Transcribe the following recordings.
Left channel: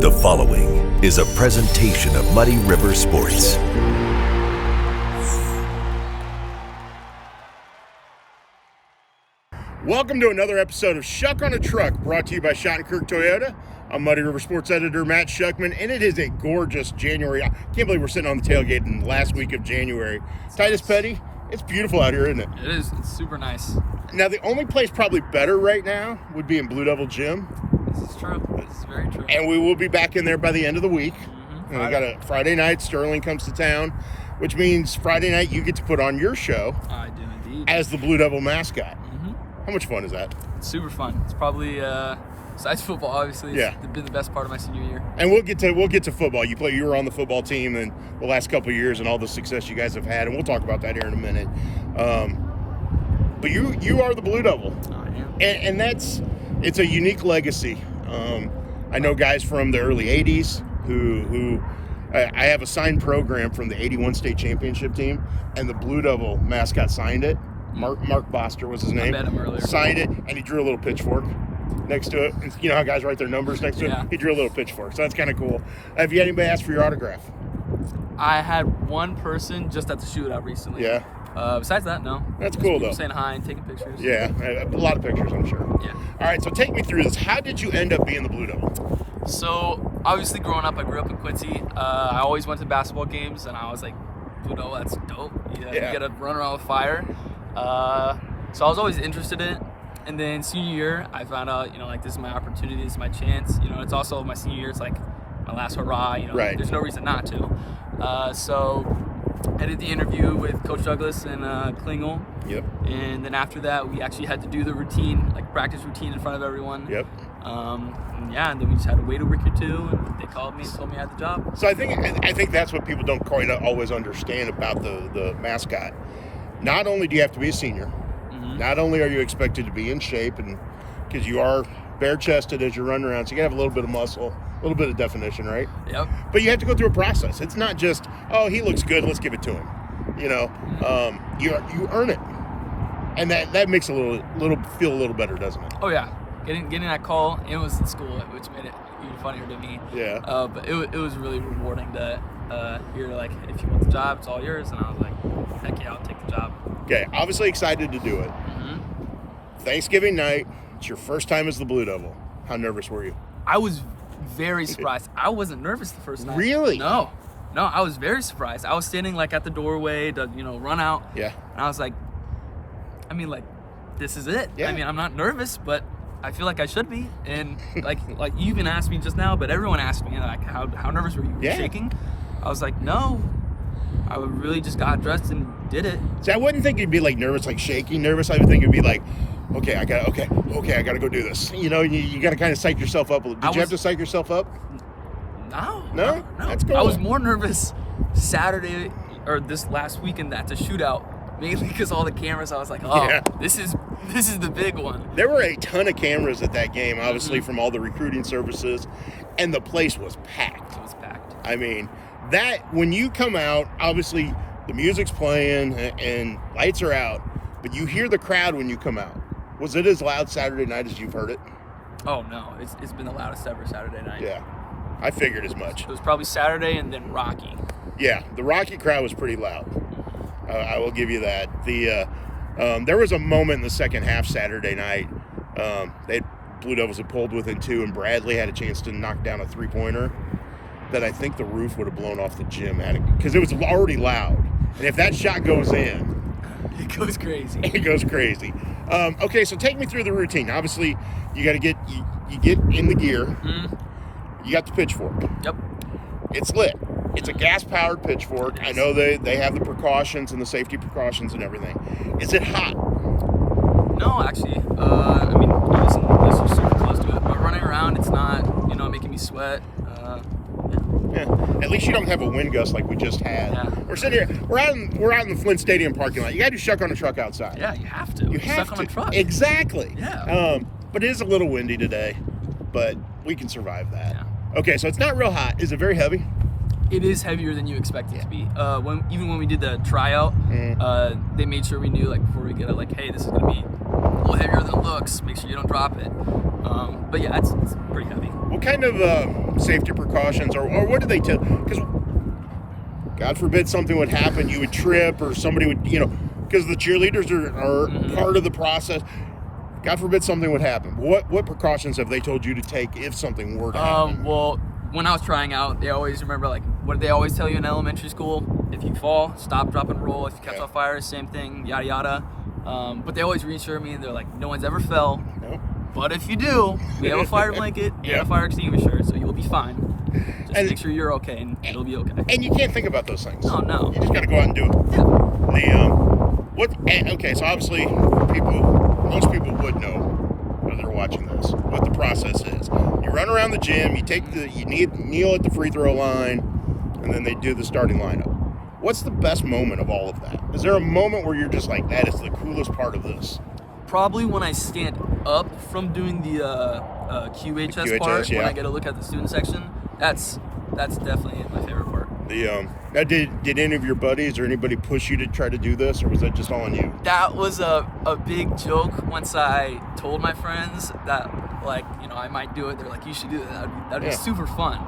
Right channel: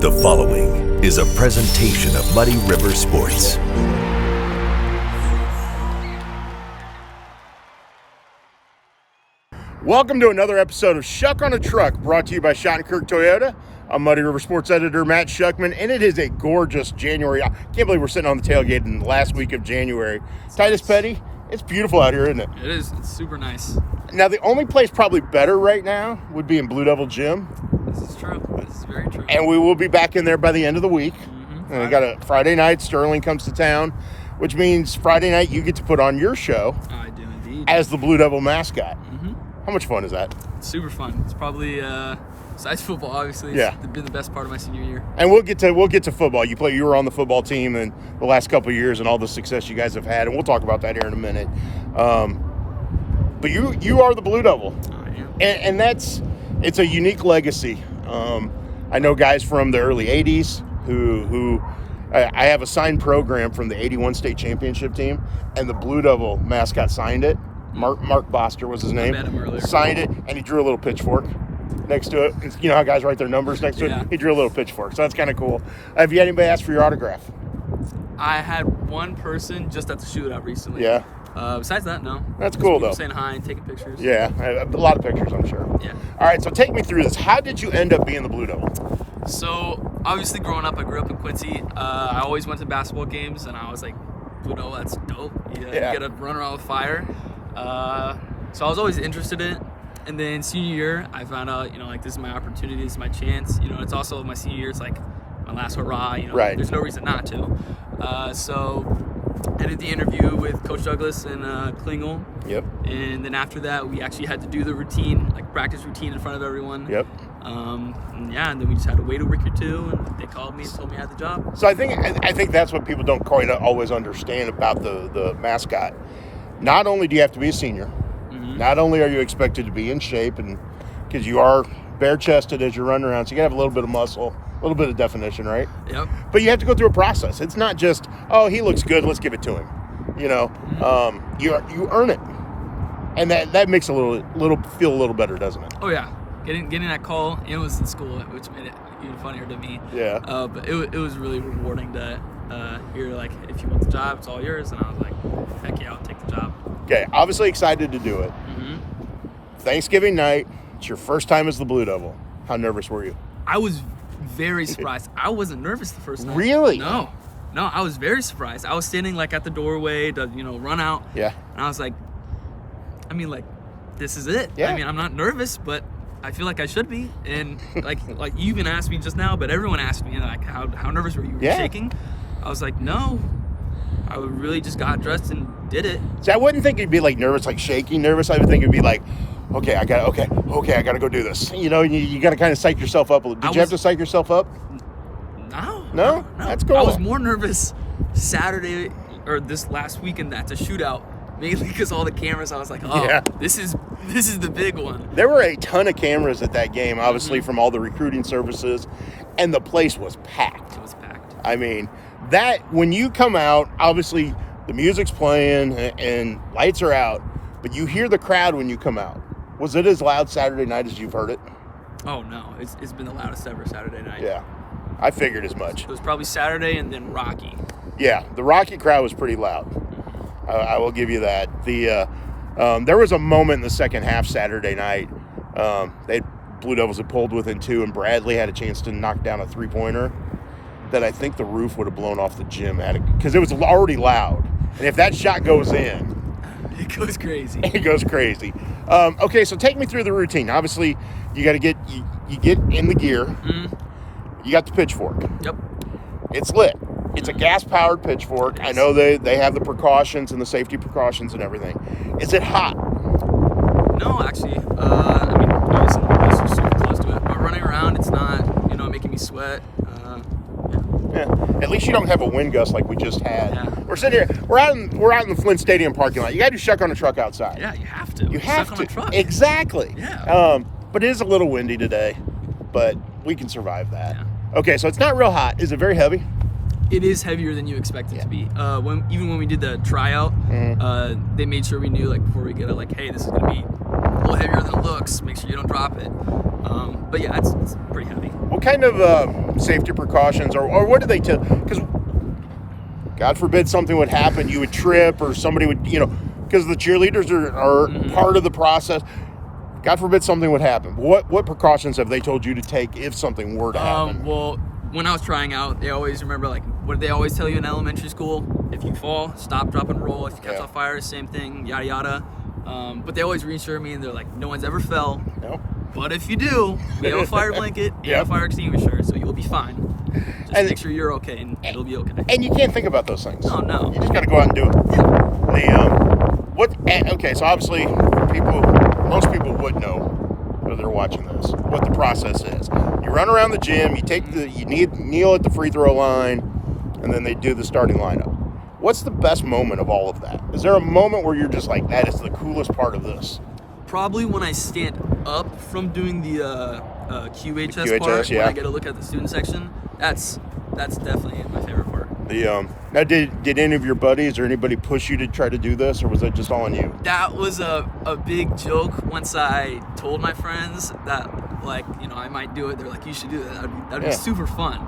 The following is a presentation of Muddy River Sports. Welcome to another episode of Schuck on a Truck, brought to you by Shottenkirk Toyota. I'm Muddy River Sports editor Matt Schuckman, and it is a gorgeous January. I can't believe we're sitting on the tailgate in the last week of January. Titus Petty, it's beautiful out here, isn't it? It is. It's super nice. Now, the only place probably better right now would be in Blue Devil Gym. This is true. This is very true. And we will be back in there by the end of the week. Mm-hmm. We got a Friday night. Sterling comes to town, which means Friday night you get to put on your show. I do indeed. As the Blue Devil Mascot. Mm-hmm. How much fun is that? Super fun. It's probably besides football, obviously. It's been the best part of my senior year. And we'll get to football. You were on the football team in the last couple of years and all the success you guys have had, and we'll talk about that here in a minute. But you are the Blue Devil. I am. And it's a unique legacy. I know guys from the early 80s who I have a signed program from the 81 state championship team, and the Blue Devil mascot signed it. Mark Boster was his name. I met him earlier. Signed it, and he drew a little pitchfork next to it. You know how guys write their numbers next to it? He drew a little pitchfork, so that's kind of cool. Have you had anybody ask for your autograph? I had one person just at the shootout recently. Yeah. Besides that, no. That's Just cool, people though. saying hi and taking pictures. Yeah, a lot of pictures, I'm sure. Yeah. All right, so take me through this. How did you end up being the Blue Devil? So, obviously, growing up, I grew up in Quincy. I always went to basketball games, and I was like, Blue Devil, that's dope. You get to run around with fire. So I was always interested in it. And then senior year, I found out, this is my opportunity, this is my chance. It's also my senior year, it's like my last hurrah. Right. There's no reason not to. So I did the interview with Coach Douglas and Klingel. Yep. And then after that, we actually had to do the routine, like practice routine in front of everyone. Yep. And then we just had to wait a week or two, and they called me and told me I had the job. So I think that's what people don't quite always understand about the mascot. Not only do you have to be a senior, not only are you expected to be in shape, and because you are bare-chested as you're running around, so you got to have a little bit of muscle, a little bit of definition, right? Yep. But you have to go through a process. It's not just, oh, he looks good, let's give it to him. You earn it, and that makes feel a little better, doesn't it? Oh yeah, getting that call, it was in school, which made it even funnier to me. Yeah. But it was really rewarding to hear, like, if you want the job, it's all yours, and I was like, heck yeah, I'll take the job. Okay, obviously excited to do it. Thanksgiving night, it's your first time as the Blue Devil. How nervous were you? I was very surprised. I wasn't nervous the first night. Really? No, I was very surprised. I was standing like at the doorway to run out. Yeah. And I was like, this is it. Yeah. I'm not nervous, but I feel like I should be. And like you even asked me just now, but everyone asked me, like, how nervous were you? Were you shaking? I was like, no. I really just got dressed and did it. See, I wouldn't think you'd be like nervous, like shaking nervous. I would think it'd be like, okay, I got to go do this. You got to kind of psych yourself up a little. Did you have to psych yourself up? No. That's cool. I was more nervous Saturday or this last weekend at the shootout, mainly because all the cameras. I was like, this is the big one. There were a ton of cameras at that game, obviously from all the recruiting services, and the place was packed. It was packed. I mean, that when you come out, obviously the music's playing and lights are out, but you hear the crowd when you come out. Was it as loud Saturday night as you've heard it? Oh no, it's been the loudest ever Saturday night. Yeah, I figured as much. It was probably Saturday and then Rocky. Yeah, the Rocky crowd was pretty loud. I will give you that. There was a moment in the second half Saturday night. Blue Devils had pulled within 2, and Bradley had a chance to knock down a 3-pointer that I think the roof would have blown off the gym because it was already loud. And if that shot goes in, it goes crazy. It goes crazy. Okay, so take me through the routine. Obviously, you got to get in the gear. You got the pitchfork. Yep. It's lit. It's a gas-powered pitchfork. I know they have the precautions and the safety precautions and everything. Is it hot? No, actually. Obviously, this was super close to it. But running around, it's not, making me sweat. Yeah. At least you don't have a wind gust like we just had. Yeah. We're sitting here. We're out in the Flint Stadium parking lot. You got to do Schuck on a Truck outside. Yeah, you have to. You have Schuck to. on a truck. Exactly. Yeah. But it is a little windy today, but we can survive that. Yeah. Okay, so it's not real hot. Is it very heavy? It is heavier than you expect it to be. When we did the tryout, they made sure we knew, like, before we get it, like, hey, this is gonna be little heavier than it looks. Make sure you don't drop it. But yeah, it's pretty heavy. What kind of safety precautions, or what do they tell? Because God forbid something would happen, you would trip, or somebody would, because the cheerleaders are part of the process. God forbid something would happen. What precautions have they told you to take if something were to happen? Well, when I was trying out, they always remember, like, what did they always tell you in elementary school? If you fall, stop, drop, and roll. If you catch on fire, same thing, yada, yada. But they always reassure me, and they're like, no one's ever fell. Nope. But if you do, we have a fire blanket and a fire extinguisher, so you'll be fine. Just make sure you're okay, and it'll be okay. And you can't think about those things. No. You just got to go out and do it. Yeah. Okay, so obviously most people would know, if they're watching this, what the process is. You run around the gym, you kneel at the free throw line, and then they do the starting lineup. What's the best moment of all of that? Is there a moment where you're just like, that is the coolest part of this? Probably when I stand up from doing the QHS part, when I get a look at the student section. That's definitely my favorite part. Now, did any of your buddies or anybody push you to try to do this, or was that just all on you? That was a big joke once I told my friends that, like, I might do it. They're like, you should do that. That'd be super fun.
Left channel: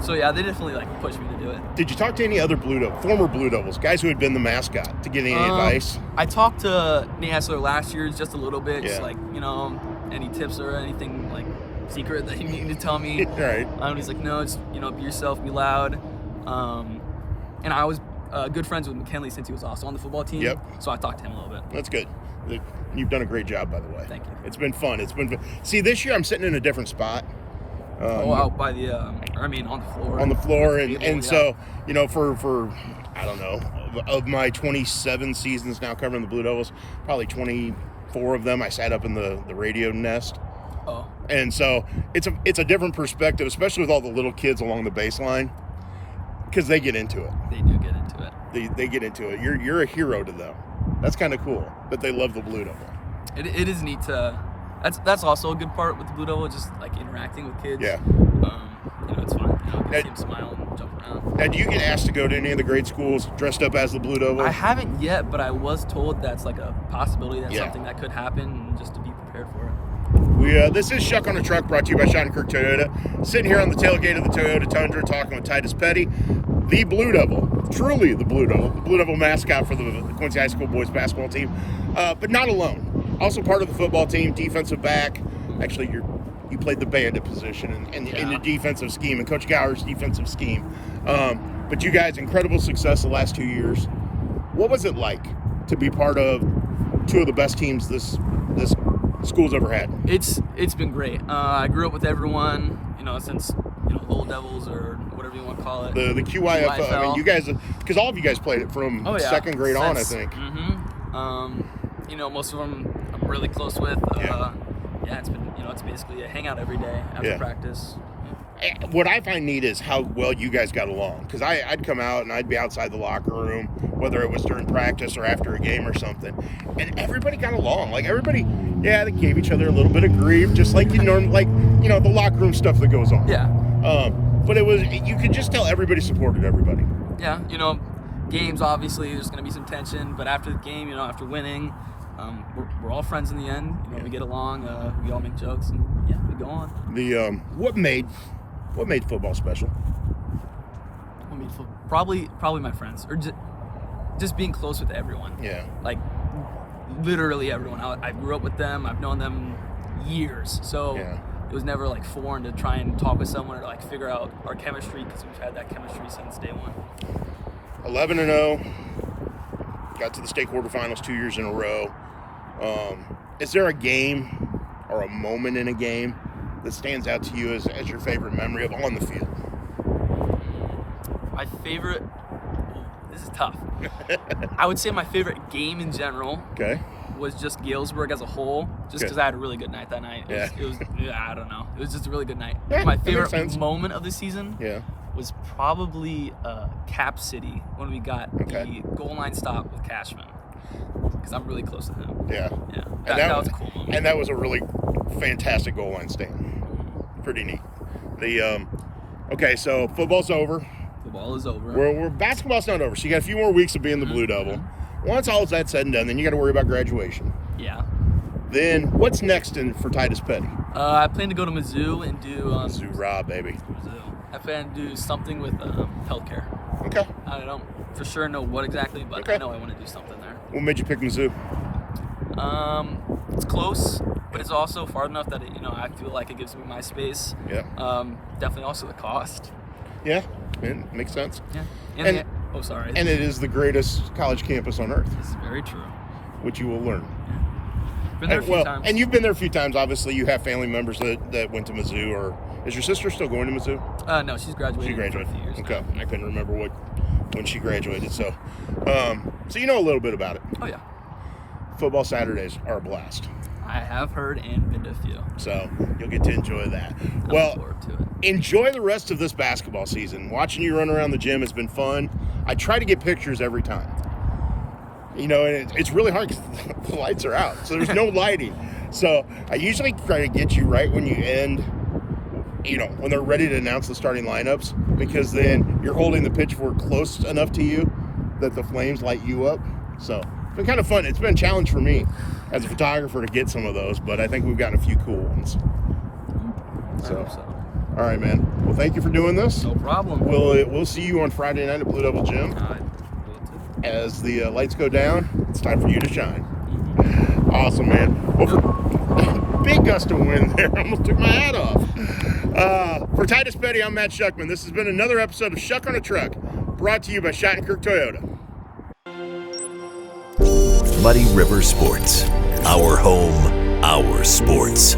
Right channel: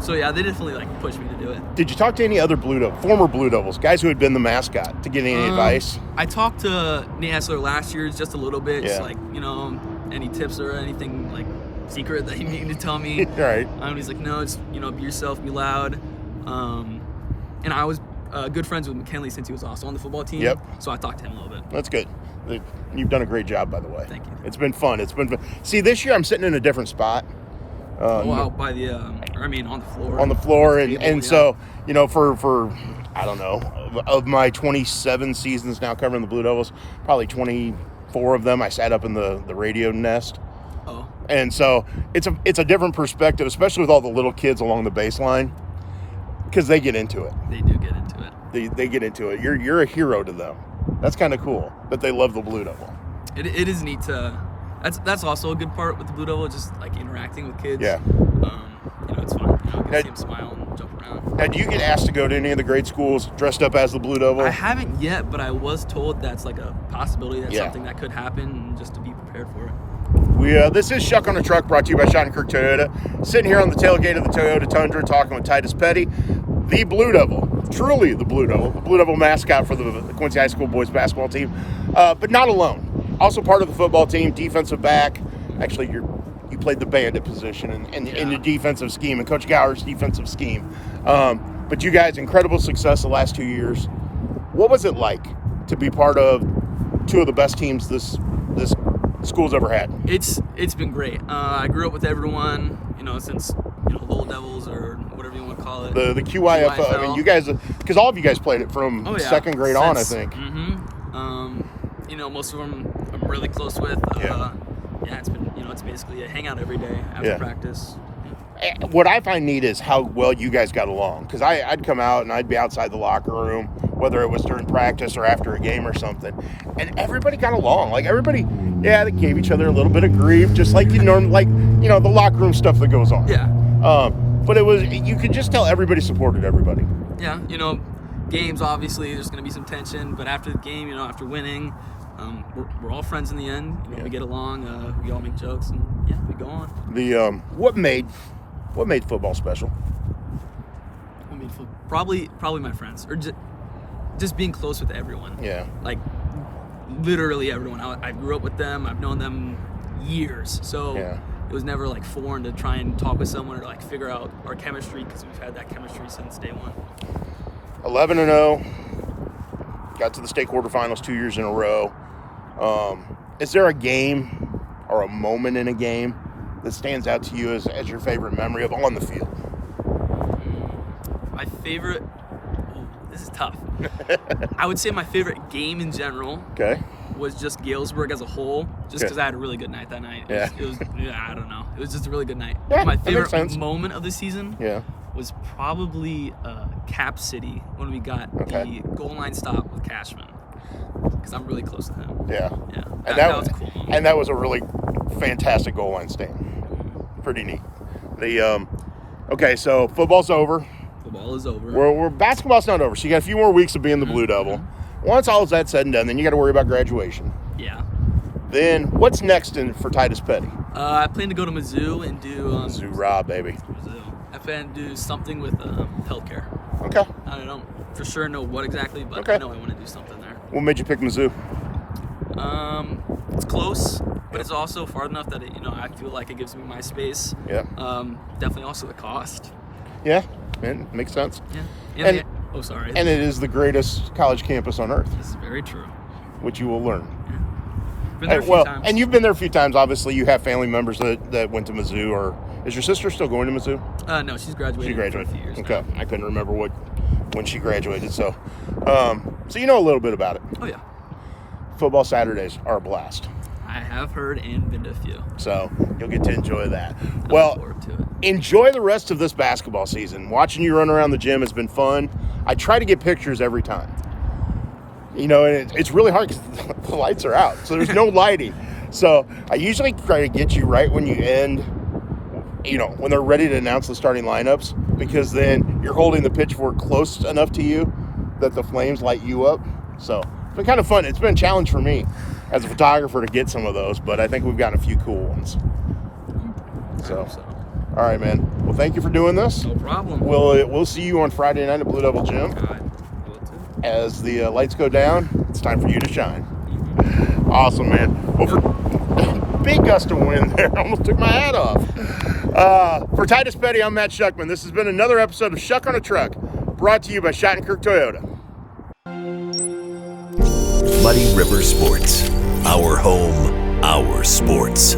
So yeah, they definitely pushed me to do it. Did you talk to any other former Blue Devils, guys who had been the mascot, to get any advice? I talked to Nate Hessler last year just a little bit, just any tips or anything secret that he needed to tell me. Right. He's like, no, just be yourself, be loud. And I was good friends with McKinley since he was also on the football team. Yep. So I talked to him a little bit. That's good. You've done a great job, by the way. Thank you. It's been fun. See, this year I'm sitting in a different spot. Out by the, on the floor. On the floor, table, so, for I don't know, of my 27 seasons now covering the Blue Devils, probably 24 of them I sat up in the radio nest. Oh. And so it's a different perspective, especially with all the little kids along the baseline, because they get into it. They do get into it. They get into it. You're a hero to them. That's kind of cool that they love the Blue Devil. It is neat to. That's also a good part with the Blue Devil, just interacting with kids. Yeah. It's fun. I get to see them smile and jump around. Now, do you get asked to go to any of the grade schools dressed up as the Blue Devil? I haven't yet, but I was told that's a possibility. That's something that could happen, and just to be prepared for it. This is Schuck on the Truck, brought to you by Shottenkirk Toyota. Sitting here on the tailgate of the Toyota Tundra, talking with Titus Petty, the Blue Devil, truly the Blue Devil mascot for the Quincy High School boys basketball team, but not alone. Also part of the football team, defensive back. Actually, you played the bandit position in the defensive scheme, and Coach Gower's defensive scheme. But you guys, incredible success the last 2 years. What was it like to be part of two of the best teams this school's ever had? It's been great. I grew up with everyone, since Little Devils or whatever you want to call it. The QIFL. I mean, you guys, because all of you guys played it from second grade on, I think. Most of them I'm really close with. It's been, it's basically a hangout every day after practice. Yeah. What I find neat is how well you guys got along. Because I'd come out and I'd be outside the locker room, whether it was during practice or after a game or something, and everybody got along. Everybody, they gave each other a little bit of grief, just like you normally, the locker room stuff that goes on. Yeah. But you could just tell everybody supported everybody. Yeah, games, obviously, there's going to be some tension, but after the game, after winning, we're all friends in the end. We get along, we all make jokes, and we go on. What made football special? Probably my friends, or just being close with everyone. Yeah. Literally everyone. I grew up with them. I've known them years, so it was never foreign to try and talk with someone or figure out our chemistry, because we've had that chemistry since day one. 11-0, got to the state quarterfinals 2 years in a row. Is there a game or a moment in a game that stands out to you as your favorite memory of on the field? My favorite, this is tough. I would say my favorite game in general was just Galesburg as a whole, just because I had a really good night that night. It was I don't know. It was just a really good night. My favorite moment of the season was probably Cap City, when we got the goal line stop with Cashman, because I'm really close to him. Yeah. That was a cool moment. And that was a really fantastic goal line stand. Pretty neat. So football's over. Football is over. Basketball's not over, so you got a few more weeks of being the Blue Devil. Once all of that's said and done, then you got to worry about graduation. Yeah. Then what's next for Titus Petty? I plan to go to Mizzou and do Mizzou Rob, baby. Mizzou. I plan to do something with healthcare. Okay. I don't for sure know what exactly, but Okay. I know I want to do something there. What made you pick Mizzou? It's close, but it's also far enough that I feel like it gives me my space. Yeah. Definitely also the cost. Yeah, man, makes sense. Yeah. Sorry. And it is the greatest college campus on earth, This is very true. which you will learn. Been there a few times. And you've been there a few times. Obviously, you have family members that went to Mizzou. Or is your sister still going to Mizzou? No, she's graduated for a few years Okay, now. I couldn't remember when she graduated. So, so you know a little bit about it. Oh yeah. Football Saturdays are a blast. I have heard and been to a few. So you'll get to enjoy that. I look forward to it. Enjoy the rest of this basketball season. Watching you run around the gym has been fun. I try to get pictures every time. And it's really hard because the lights are out, so there's no lighting. So I usually try to get you right when you end, when they're ready to announce the starting lineups, because then you're holding the pitchfork close enough to you that the flames light you up. So it's been kind of fun. It's been a challenge for me as a photographer to get some of those, but I think we've gotten a few cool ones. I hope so. All right, man. Well, thank you for doing this. No problem. We'll see you on Friday night at Blue Devil Gym. Will too. As the lights go down, it's time for you to shine. Awesome, man. Well, big gust of wind there. Almost took my hat off. For Titus Petty, I'm Matt Schuckman. This has been another episode of Schuck on a Truck, brought to you by Shottenkirk Toyota. Muddy River Sports. Our home, our sports.